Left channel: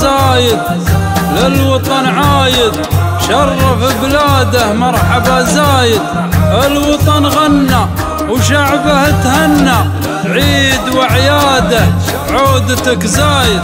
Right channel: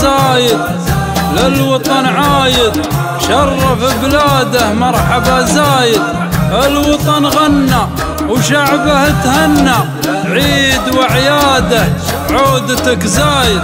زايد للوطن عايد شرف بلاده مرحبا زايد. الوطن غنى وشعبه تهنى عيد وعياده عودتك زايد.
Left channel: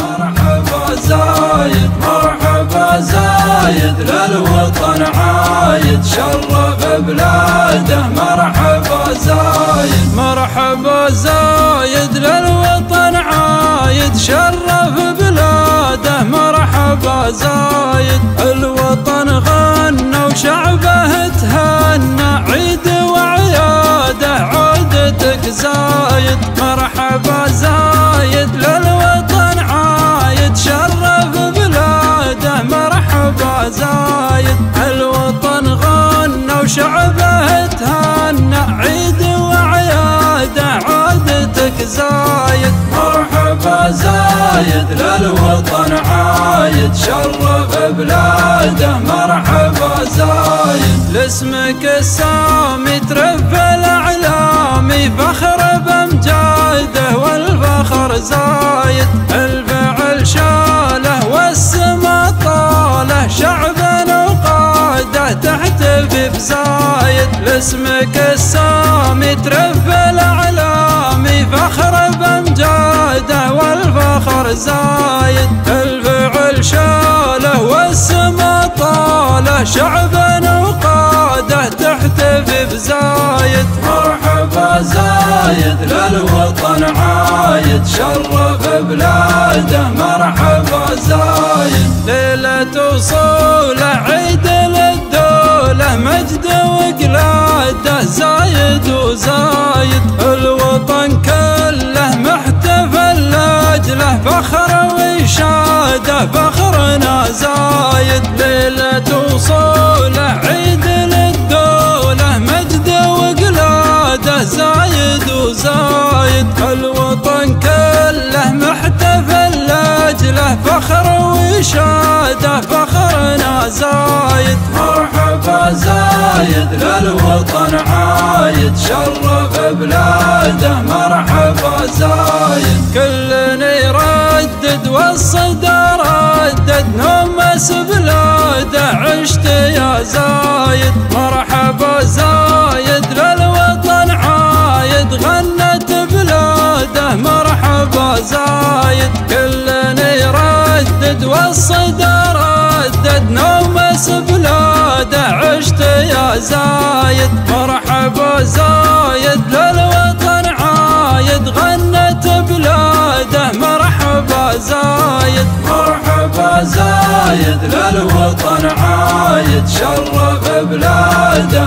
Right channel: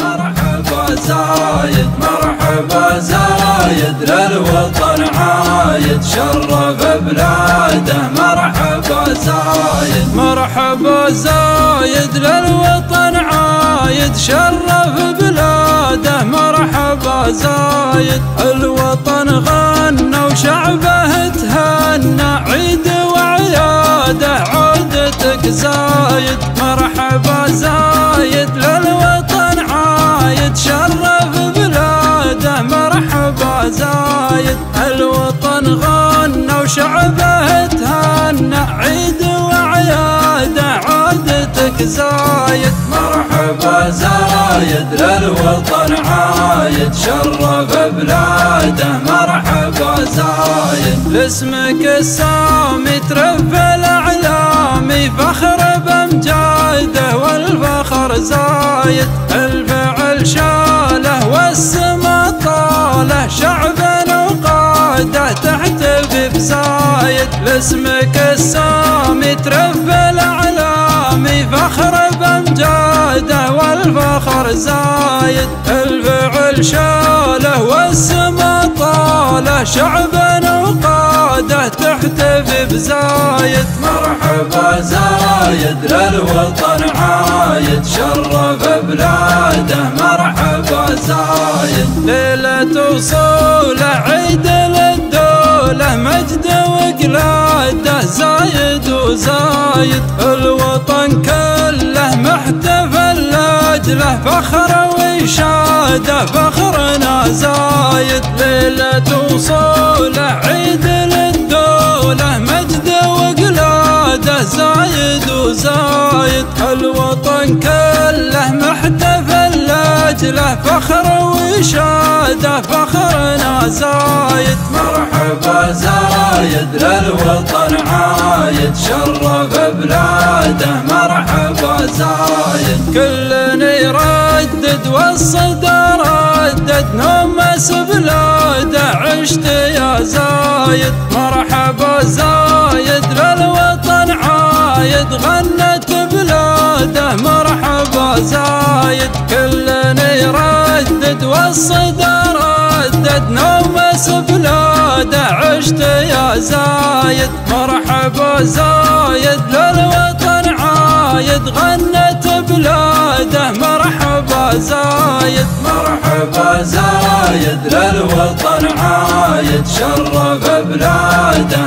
مرحبا زايد مرحبا زايد للوطن عايد شرف بلاده مرحبا زايد. مرحبا زايد للوطن عايد شرف بلاده مرحبا زايد. الوطن غنى وشعبه تهنى عيد وعياده عودتك زايد. مرحبا زايد للوطن عايد شرف بلاده مرحبا زايد. الوطن غنى وشعبه تهنى عيد وعياده عودتك زايد. مرحبا زايد للوطن عايد شرف بلاده مرحبا زايد. لاسمك السامي ترفع الأعلامي فخر بامجاده والفخر زايد. الفعل شاله والسما طاله شعبنا وقاده تحتفي بزايد. لاسمك السامي ترفع الأعلامي فخر بامجاده والفخر زايد. الفعل شاله والسما طاله شعبنا وقاده تحتفي بزايد. مرحبا زايد للوطن عايد شرف بلاده مرحبا زايد. ليلة وصوله عيد للدولة مجد وقلاده زايد وزايد. الوطن كله محتفل لاجله فخر وإشاده فخرنا زايد. ليلة وصوله عيد للدولة مجد وقلاده زايد وزايد. الوطن كله محتفل لاجله فخر وإشاده فخرنا زايد. مرحبا زايد للوطن عايد شرف بلاده مرحبا زايد. كلنا يردد والصدى ردد نومس بلاده عشت يا زايد. مرحبا زايد للوطن عايد غنت بلاده مرحبا زايد. كلنا يردد والصدى ردد نومس بلاده عشت يا زايد. مرحبا زايد للوطن عايد غنت بلاده مرحبا زايد. مرحبا زايد للوطن عايد شرف بلاده